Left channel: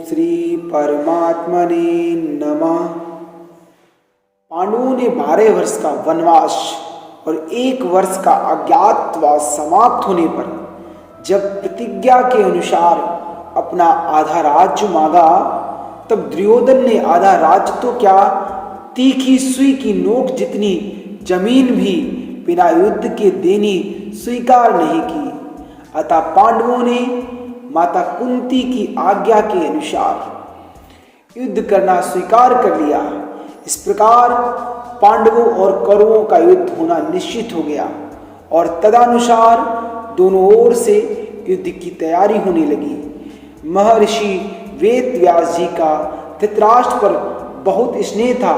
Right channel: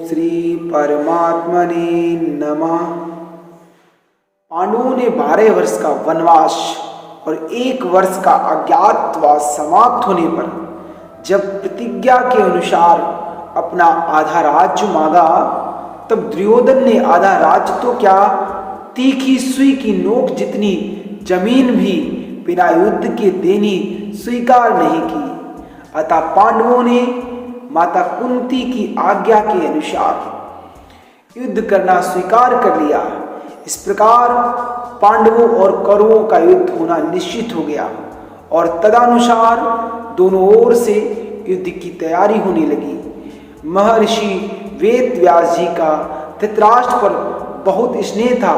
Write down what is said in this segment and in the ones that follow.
श्री परमात्मने नमः। पांडवों ने 12 वर्ष का वनवास और 1 वर्ष का अज्ञातवास समाप्त होने पर जब प्रतिज्ञा के अनुसार अपना आधा राज्य मांगा, तब दुर्योधन ने आधा राज्य तो क्या, तीखी सुई की नोक जितनी जमीन भी बिना युद्ध के देनी स्वीकार नहीं की। अतः पांडवों ने माता कुंती की आज्ञा के अनुसार युद्ध करना स्वीकार कर लिया। इस प्रकार पांडवों और कौरवों का युद्ध होना निश्चित हो गया और तदनुसार दोनों ओर से युद्ध की तैयारी होने लगी। महर्षि वेद व्यास जी का धृतराष्ट्र पर बहुत स्नेह था।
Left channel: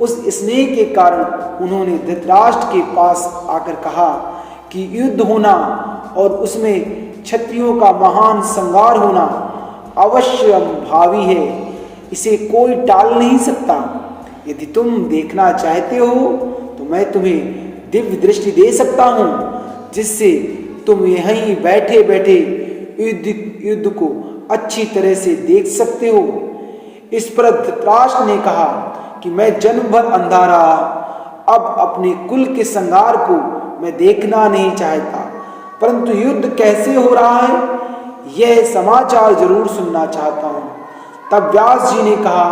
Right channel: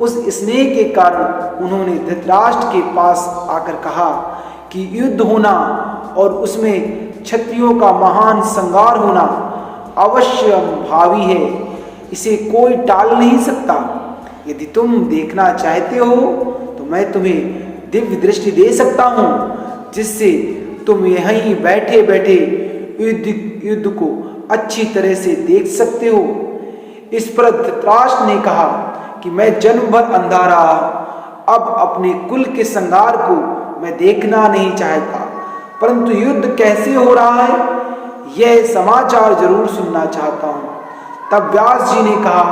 उस स्नेह के कारण उन्होंने धृतराष्ट्र के पास आकर कहा कि युद्ध होना और उसमें क्षत्रियों का महान संहार होना अवश्य भावी है, इसे कोई टाल नहीं सकता। यदि तुम देखना चाहते हो तो मैं तुम्हें दिव्य दृष्टि दे सकता हूँ, जिससे तुम यहीं बैठे बैठे युद्ध को अच्छी तरह से देख सकते हो। इस पर धृतराष्ट्र ने कहा कि मैं जन्म भर अंधा रहा, अब अपने कुल के संहार को मैं देखना नहीं चाहता, परंतु युद्ध कैसे हो रहा है यह समाचार जरूर सुनना चाहता हूँ। तब व्यास जी ने कहा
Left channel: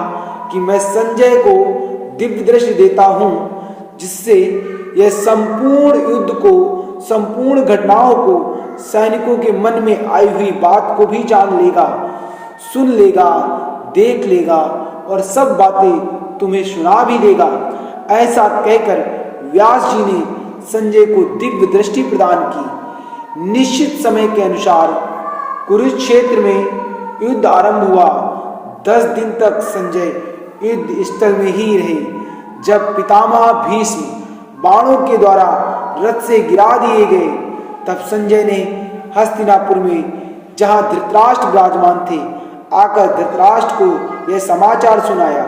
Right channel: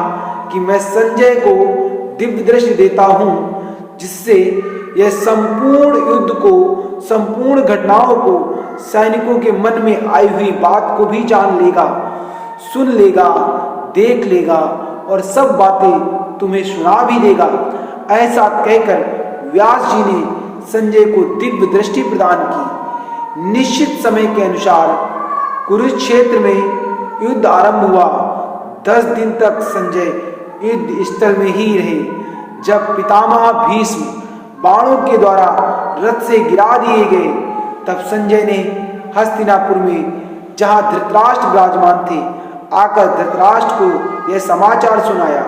कि मैं संजय को दिव्य दृष्टि देता हूँ, जिससे यह संपूर्ण युद्ध को, संपूर्ण घटनाओं को, सैनिकों के मन में आई हुई बात को भी जान लेगा, सुन लेगा, देख लेगा और सब बातें तुम्हें सुना भी देगा। ऐसा कहकर व्यास जी ने संजय को दिव्य दृष्टि प्रदान की। निश्चित समय के अनुसार कुरुक्षेत्र में युद्ध आरंभ हुआ। 10 दिन तक संजय युद्ध स्थल में ही रहे। जब पितामह भीष्म बाणों के द्वारा रथ से गिरा दिए गए, तब संजय ने हस्तिनापुर में, जहां धृतराष्ट्र विराजमान थे, आकर धृतराष्ट्र को यह समाचार सुनाया।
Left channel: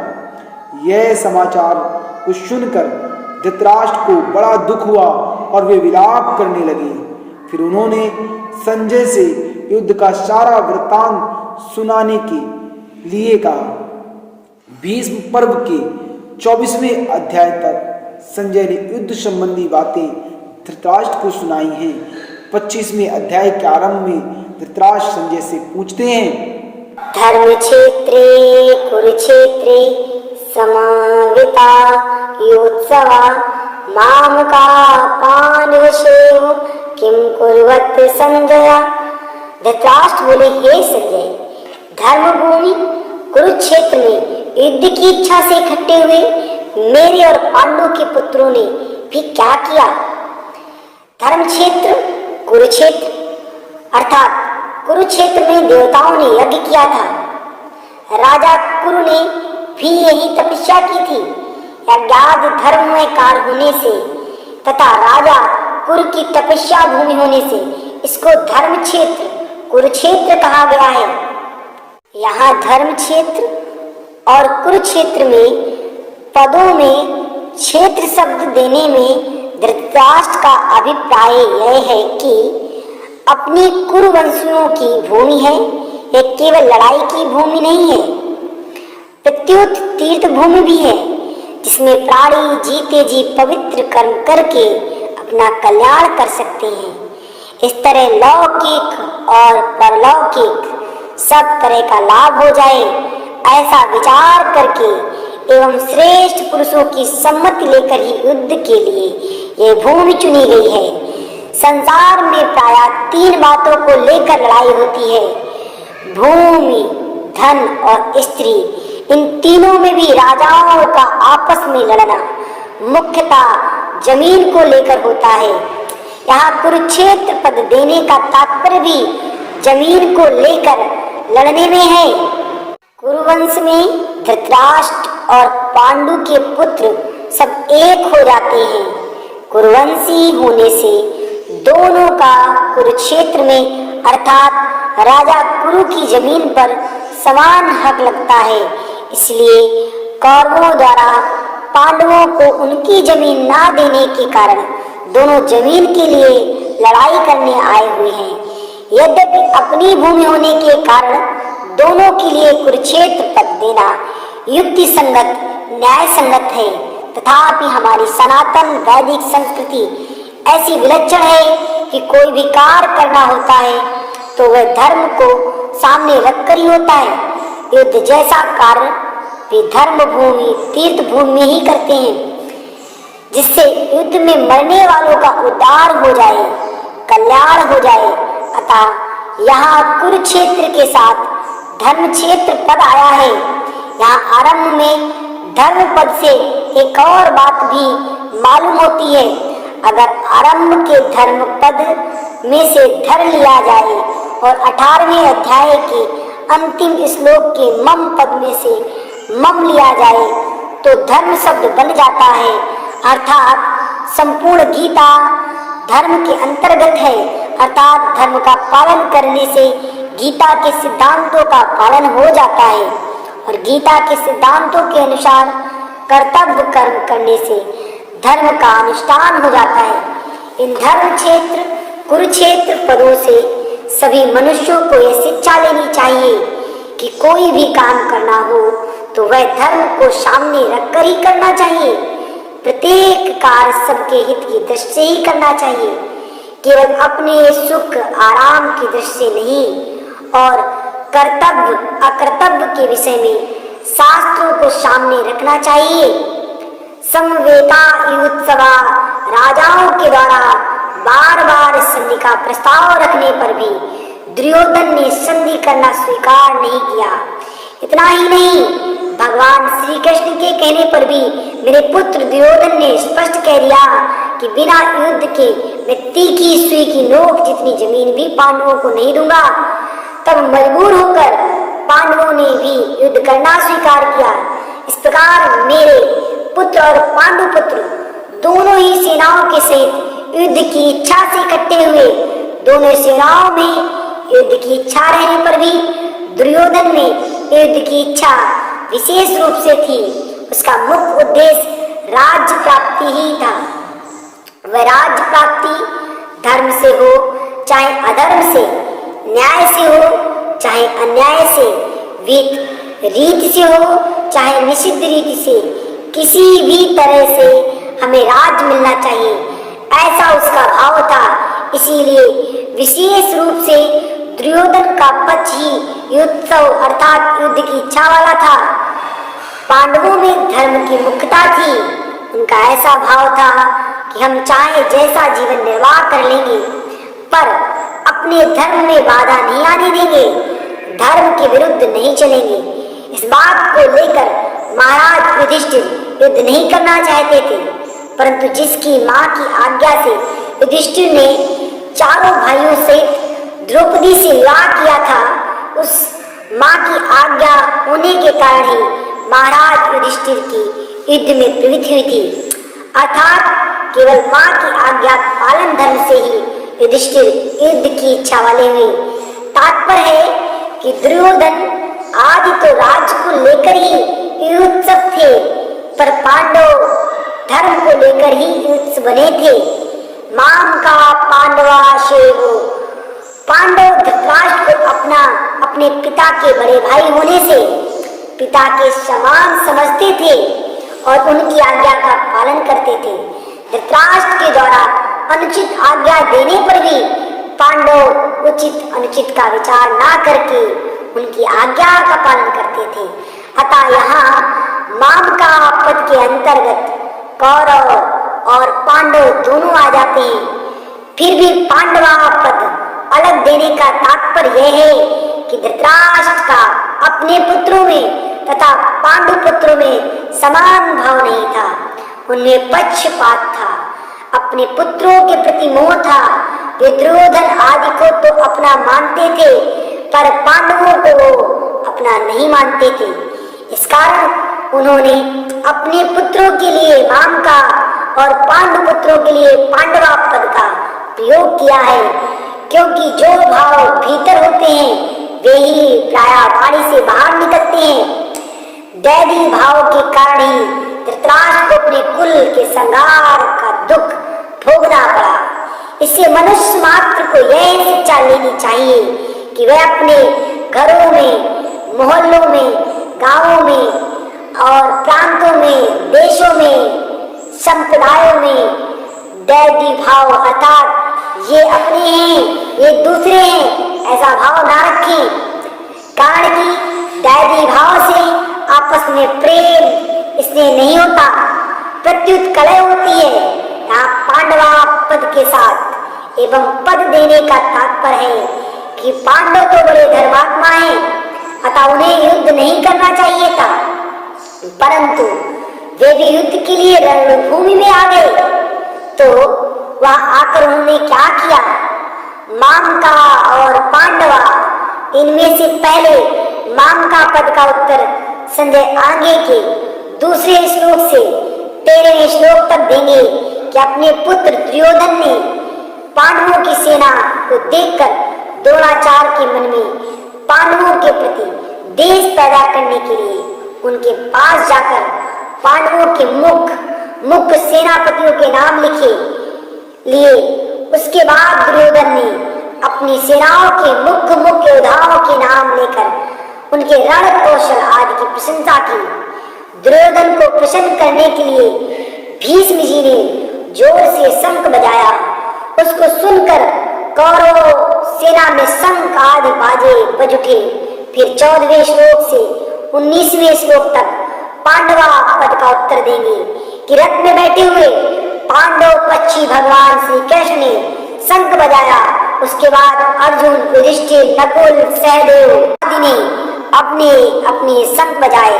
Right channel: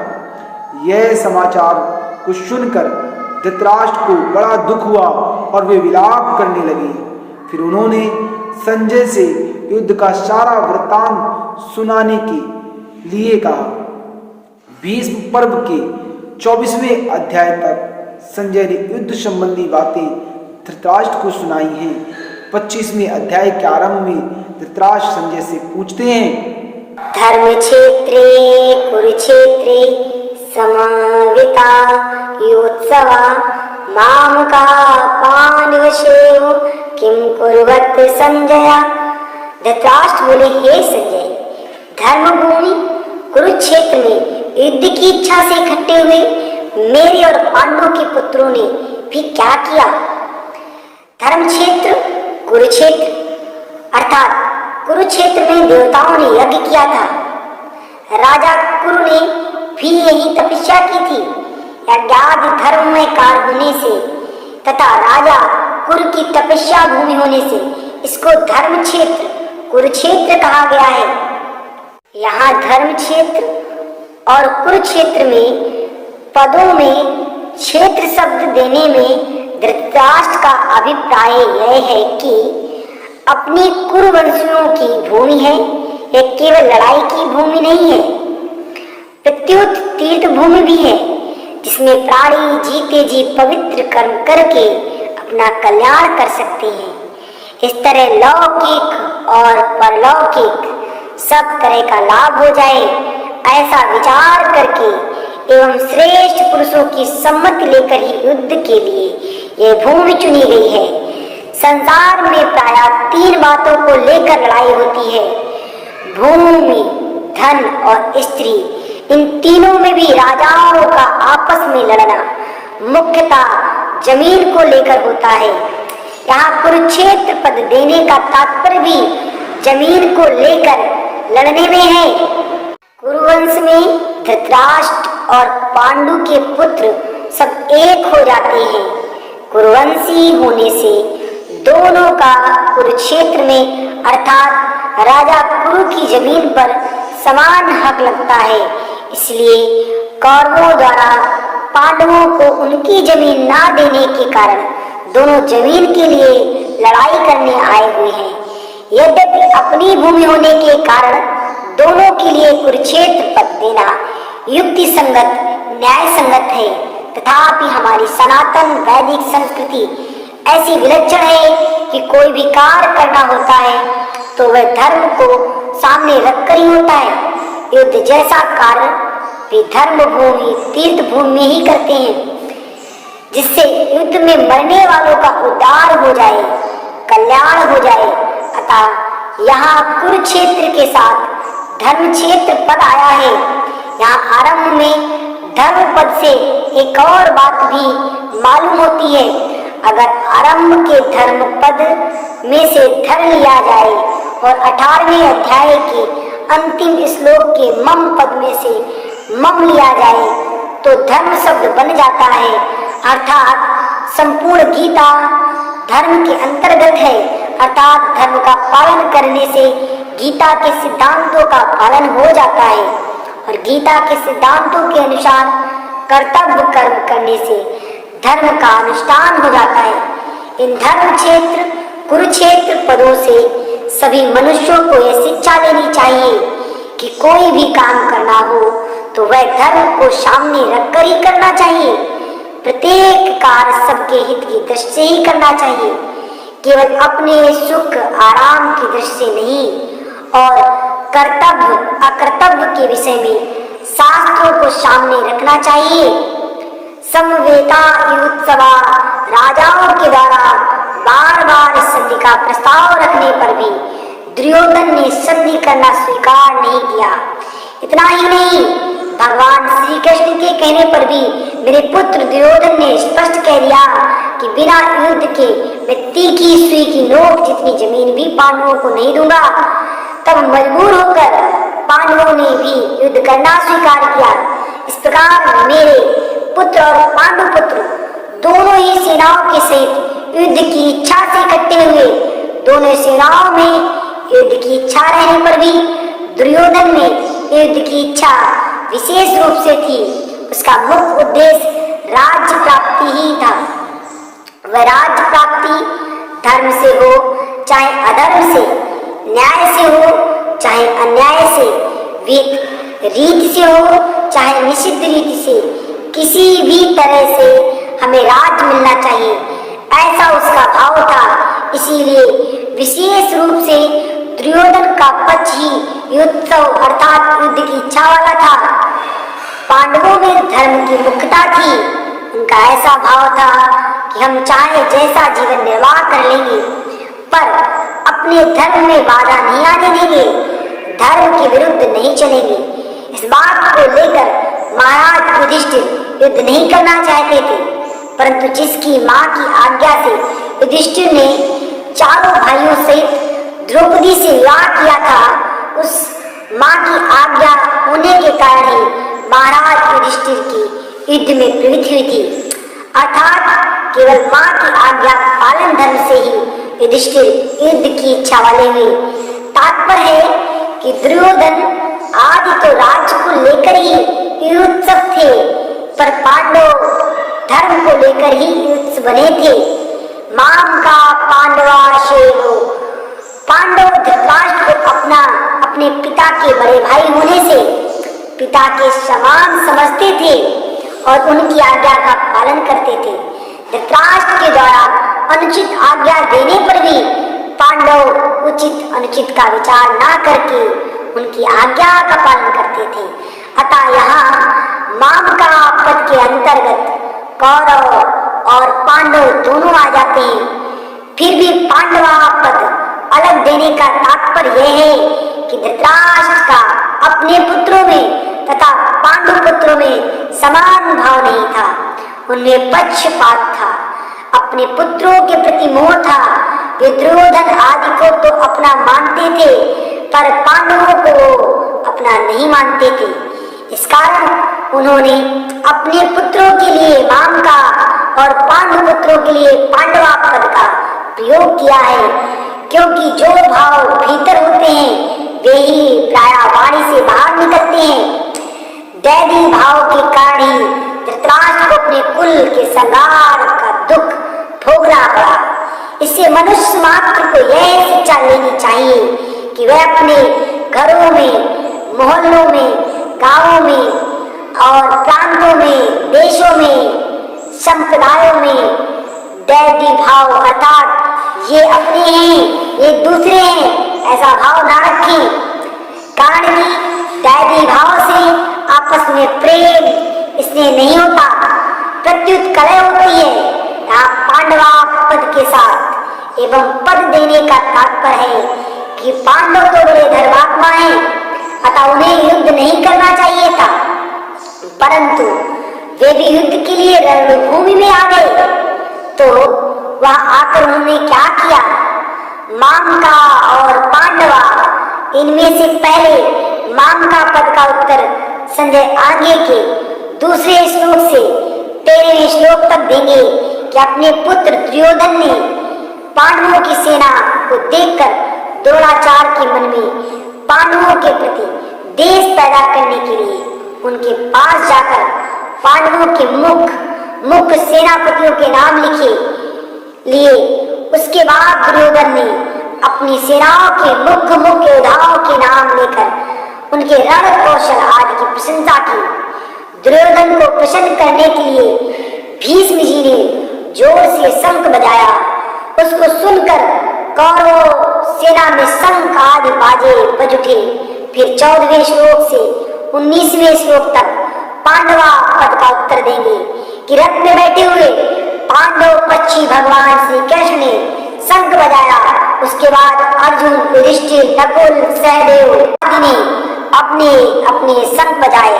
यह समाचार को सुनकर धृतराष्ट्र को बड़ा दुख हुआ और वे विलाप करने लगे। फिर उन्होंने संजय से युद्ध का सारा वृत्तांत सुनाने के लिए कहा। भीष्म पर्व के 24वें अध्याय तक संजय ने युद्ध संबंधी बातें धृतराष्ट्र को सुनाई हैं। 25वें अध्याय के आरंभ में धृतराष्ट्र संजय से पूछते हैं, धर्म क्षेत्रे कुरुक्षेत्रे समाविता योत्सवा मामका पांडवशेयो किम कुर्वत संजय। धृतराष्ट्र बोले, हे संजय, धर्मभूमि कुरुक्षेत्र में युद्ध की इच्छा से इकट्ठे हुए मेरे और पांडवों के पुत्रों ने भी क्या किया। धर्म क्षेत्र कुरुक्षेत्र अर्थात कुरुक्षेत्र में देवताओं ने यज्ञ किया था। राजा कुरु ने भी यही तपस्या की थी। अज्ञात धर्म में कार्य होने से तथा राजा कुरु की तपस्या भूमि होने से इसको धर्म क्षेत्र कुरुक्षेत्र कहा गया है। यहाँ धर्म क्षेत्र और कुरुक्षेत्र में पदों में क्षेत्र शब्द देने में धृतराष्ट्र का अभिप्राय यह है कि अपनी कुरुवंशियों की भूमि है। यह केवल लड़ाई की भूमि नहीं है, प्रत्युत तीर्थ भूमि भी है, जिसमें प्राणी जीते जी पवित्र कर्म करके अपना कल्याण कर सकते हैं। इस तरह लौकिक और परलौकिक सब तरह का लाभ हो जाए, ऐसा विचार करके एवं श्रेष्ठ पुरुषों की सम्मति लेकर ही युद्ध के लिए यह भूमि चुनी गई है। संसार में प्रायः 3 बातों को लेकर लड़ाई होती है, भूमि, धन और स्त्री। इन तीनों में भी राजाओं का आपस में लड़ना मुख्यतः जमीन को लेकर होता है। यहाँ कुरुक्षेत्र पद देने का तात्पर्य भी जमीन को लेकर लड़ने में है। कुरुवंश में धृतराष्ट्र और पांडु के पुत्र सब एक हो जाते हैं। कुरुवंशी होने से दोनों का कुरुक्षेत्र में अर्थात राजा कुरु की जमीन पर समान हक लगता है। इसलिए कौरवों द्वारा पांडवों को उनकी जमीन ना देने के कारण दोनों जमीन के लिए लड़ाई करने आए हुए हैं। यद्यपि अपनी भूमि होने के कारण दोनों के लिए कुरुक्षेत्र पद देना युक्ति संगत न्याय संगत है। तथापि हमारी सनातन वैदिक संस्कृति ऐसी विलक्षण है कि कोई भी कार्य करना होता है तो वह धर्म को सामने रखकर ही होता है। युद्ध जैसा कार्य वे धर्म भूमि तीर्थ भूमि में ही करते हैं, जिससे युद्ध में मरने वालों का उद्धार हो जाए, कल्याण हो जाए। अतः यहाँ कुरुक्षेत्र के साथ धर्म क्षेत्र पद आया है। यहाँ आरंभ में धर्म पद से एक और बात भी मालूम होती है। अगर आरंभ के धर्म पद में से धर लिया जाए और 18वें अध्याय के अंतिम श्लोक के मम पद में से मम लिया जाए तो धर्म शब्द बन जाता है। अर्थात संपूर्ण गीता धर्म के अंतर्गत है। अर्थात धर्म का पालन करने से गीता के सिद्धांतों का पालन हो जाता है और गीता के सिद्धांतों के अनुसार कर्तव्य कर्म करने से धर्म का अनुष्ठान हो जाता है। इन धर्म क्षेत्र कुरुक्षेत्र पदों से सभी मनुष्यों को यह शिक्षा लेनी चाहिए कि कोई भी काम करना हो तो वह धर्म को सामने रखकर ही करना चाहिए। प्रत्येक कार्य सबके हित की दृष्टि से ही करना चाहिए, केवल अपने सुख आराम की दृष्टि से नहीं। और कर्तव्य अकर्तव्य के विषय में शास्त्रों को सामने रखना चाहिए। समवेता उत्सवा राजाओं के द्वारा बार बार संधि का प्रस्ताव रखने पर भी दुर्योधन ने संधि करना स्वीकार नहीं किया। इतना ही नहीं, भगवान श्री कृष्ण के कहने पर भी मेरे पुत्र दुर्योधन ने स्पष्ट कह दिया कि बिना युद्ध के मैं तीखी सुई की नोक जितनी जमीन भी पांडवों को नहीं दूंगा। तब मजबूर होकर पांडवों ने भी युद्ध करना स्वीकार किया। इस प्रकार मेरे पुत्र और पांडु पुत्र दोनों ही सेनाओं के सहित युद्ध की इच्छा से इकट्ठे हुए। दोनों सेनाओं में युद्ध की इच्छा रहने पर भी दुर्योधन में युद्ध की इच्छा विशेष रूप से थी। उसका मुख्य उद्देश्य राज्य प्राप्ति ही था। वह राज्य प्राप्ति धर्म से हो चाहे अधर्म से, न्याय से हो चाहे अन्याय से, रीति से हो चाहे निषिद्ध रीति से, किसी भी तरह से हमें राज्य मिलना चाहिए, ऐसा उसका भाव था। इसीलिए विशेष रूप से दुर्योधन का पक्ष ही युद्धोत्सव अर्थात युद्ध की इच्छा वाला था। पांडवों में धर्म की मुख्यता थी। उनका ऐसा भाव था कि हम चाहे जैसा जीवन निर्वाह कर लेंगे पर अपने धर्म में बाधा नहीं आने देंगे, धर्म के विरुद्ध नहीं चलेंगे। इस बात को लेकर महाराज युधिष्ठिर युद्ध नहीं करना चाहते थे, परंतु जिसकी मां की आज्ञा से युधिष्ठिर ने चारों भाइयों सहित द्रौपदी से विवाह किया था, उस मां की आज्ञा होने के कारण ही महाराज युधिष्ठिर की युद्ध में पीड़ित हुई थी। अर्थात केवल मां की आज्ञा पालन धर्म से ही युधिष्ठिर युद्ध की इच्छा वाले हुए। तात्पर्य है कि दुर्योधन आदि तो राज्य को लेकर ही युत्सुक थे, पर पांडव धर्म को लेकर ही युत्सुक बने थे। माम का पांडवा शेरो, पांडव धृतराष्ट्र को अपने पिता के बड़े भाई होने से पिता के समान समझते थे और उनकी आज्ञा का पालन करते थे। धृतराष्ट्र के द्वारा अनुचित आज्ञा देने पर भी पांडव उचित अनुचित का विचार ना करके उनकी आज्ञा का पालन करते थे। अतः यहाँ माम का पद के अंतर्गत कौरव और पांडव दोनों आ जाते हैं। फिर भी पांडवा पद अलग देने का तात्पर्य यह है कि धृतराष्ट्र का अपने पुत्रों में तथा पांडु पुत्रों में समान भाव नहीं था। उनमें पक्षपात था, अपने पुत्रों के प्रति मोह था। वे दुर्योधन आदि को तो अपना मानते थे पर पांडवों को अपना नहीं मानते थे। इस कारण उन्होंने अपने पुत्रों के लिए माम का और पांडु पुत्रों के लिए पांडवा पद का प्रयोग किया है, क्योंकि जो भाव भीतर होते हैं वे ही प्रायः वाणी से बाहर निकलते हैं। दैवी भाव के कारण ही धृतराष्ट्र को अपने कुल के संहार का दुख भोगना पड़ा। इससे मनुष्य मात्र को यह शिक्षा लेनी चाहिए कि वह अपने घरों में मोहल्लों में, गांवों में और प्रांतों में, देशों में, संप्रदायों में दैवी भाव अर्थात ये अपने हैं, ये दूसरे हैं, ऐसा भाव ना रखें। कारण कि दैवी भाव से आपस में प्रेम इसलिए नहीं होता, प्रत्युत कलह होती है। यहाँ पांडवा पद के साथ एवं पद देने का तात्पर्य है कि पांडव तो बड़े धर्मात्मा हैं, अतः उन्हें युद्ध नहीं करना चाहिए था, परंतु वे भी युद्ध के लिए रणभूमि में आ गए। तो वहां आकर उन्होंने क्या किया? मामका और पांडवा, इनमें से पहले मामका पद का उत्तर संजय आगे के दूसरे श्लोक से 13वें श्लोक तक देंगे कि अपने पुत्र दुर्योधन ने पांडवों की सेना को देखकर द्रोणाचार्य के मन में पांडवों के प्रति देश पैदा करने के लिए उनके पास जाकर पांडवों के मुख्य सेनापतियों के नाम लिए। उसके बाद दुर्योधन ने अपनी सेनाओं के मुख्य योद्धाओं के नाम लेकर उनके रण कौशल आदि की प्रशंसा की। दुर्योधन को प्रसन्न करने के लिए भीष्म जी ने जोर से शंख बजाया। उसको सुनकर कौरव सेना में शंख आदि बाजे बज उठे। फिर 14वें श्लोक से 19वें श्लोक तक पांडवा पद का उत्तर देंगे कि रथ में बैठे हुए पांडव पक्षी भगवान श्री कृष्ण ने शंख बजाया। उसके बाद अर्जुन, युधिष्ठिर, नकुल, सहदेव आदि ने अपने अपने शंख बजाए,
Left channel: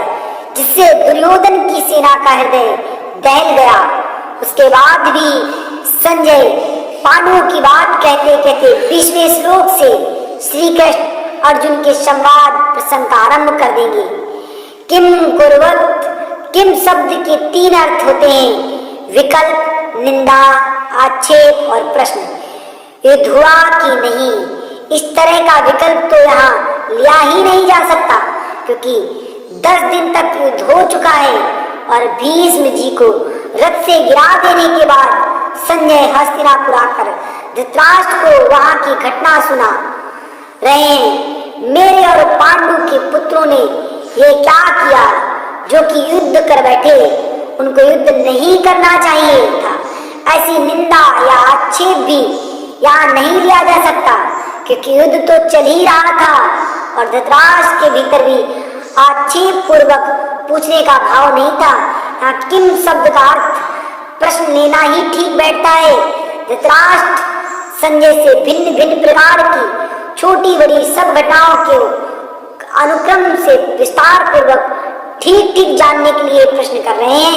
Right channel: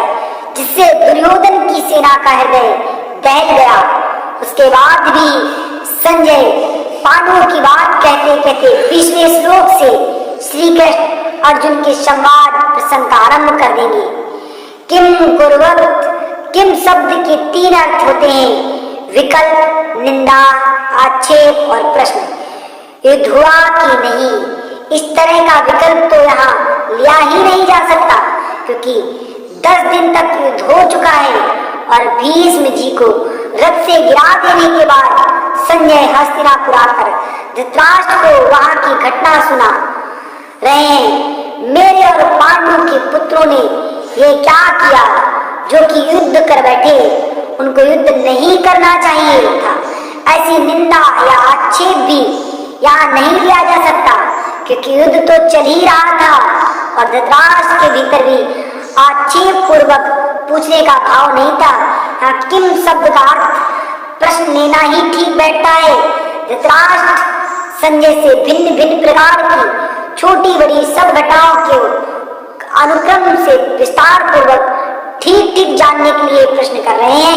जिससे दुर्योधन की सेना का हृदय दहल गया। उसके बाद भी संजय पांडवों की बात कहते कहते 20वें श्लोक से श्री कृष्ण अर्जुन के संवाद प्रसंग का आरंभ कर देंगे। किम कुर्वत, किम शब्द के 3 अर्थ होते हैं: विकल्प, निंदा, आक्षेप और प्रश्न। युद्ध हुआ कि नहीं, इस तरह का विकल्प तो यहाँ लिया ही नहीं जा सकता, क्योंकि 10 दिन तक युद्ध हो चुका है और भीष्म जी को रथ से गिरा देने के बाद संजय हस्तिनापुर आकर धृतराष्ट्र को वहां की घटना सुना रहे हैं। मेरे और पांडु के पुत्रों ने ये क्या किया जो कि युद्ध कर बैठे, उनको युद्ध नहीं करना चाहिए था। ऐसी निंदा या आक्षेप भी यहाँ नहीं लिया जा सकता, क्योंकि युद्ध तो चल ही रहा था और धृतराष्ट्र के भीतर भी आक्षेप पूर्वक पूछने का भाव नहीं था। यहाँ किम शब्द का अर्थ प्रश्न लेना ही ठीक बैठता है। धृतराष्ट्र संजय से भिन्न भिन्न प्रकार की छोटी बड़ी सब घटनाओं के अनुक्रम से विस्तार पूर्वक ठीक ठीक जानने के लिए प्रश्न कर रहे हैं।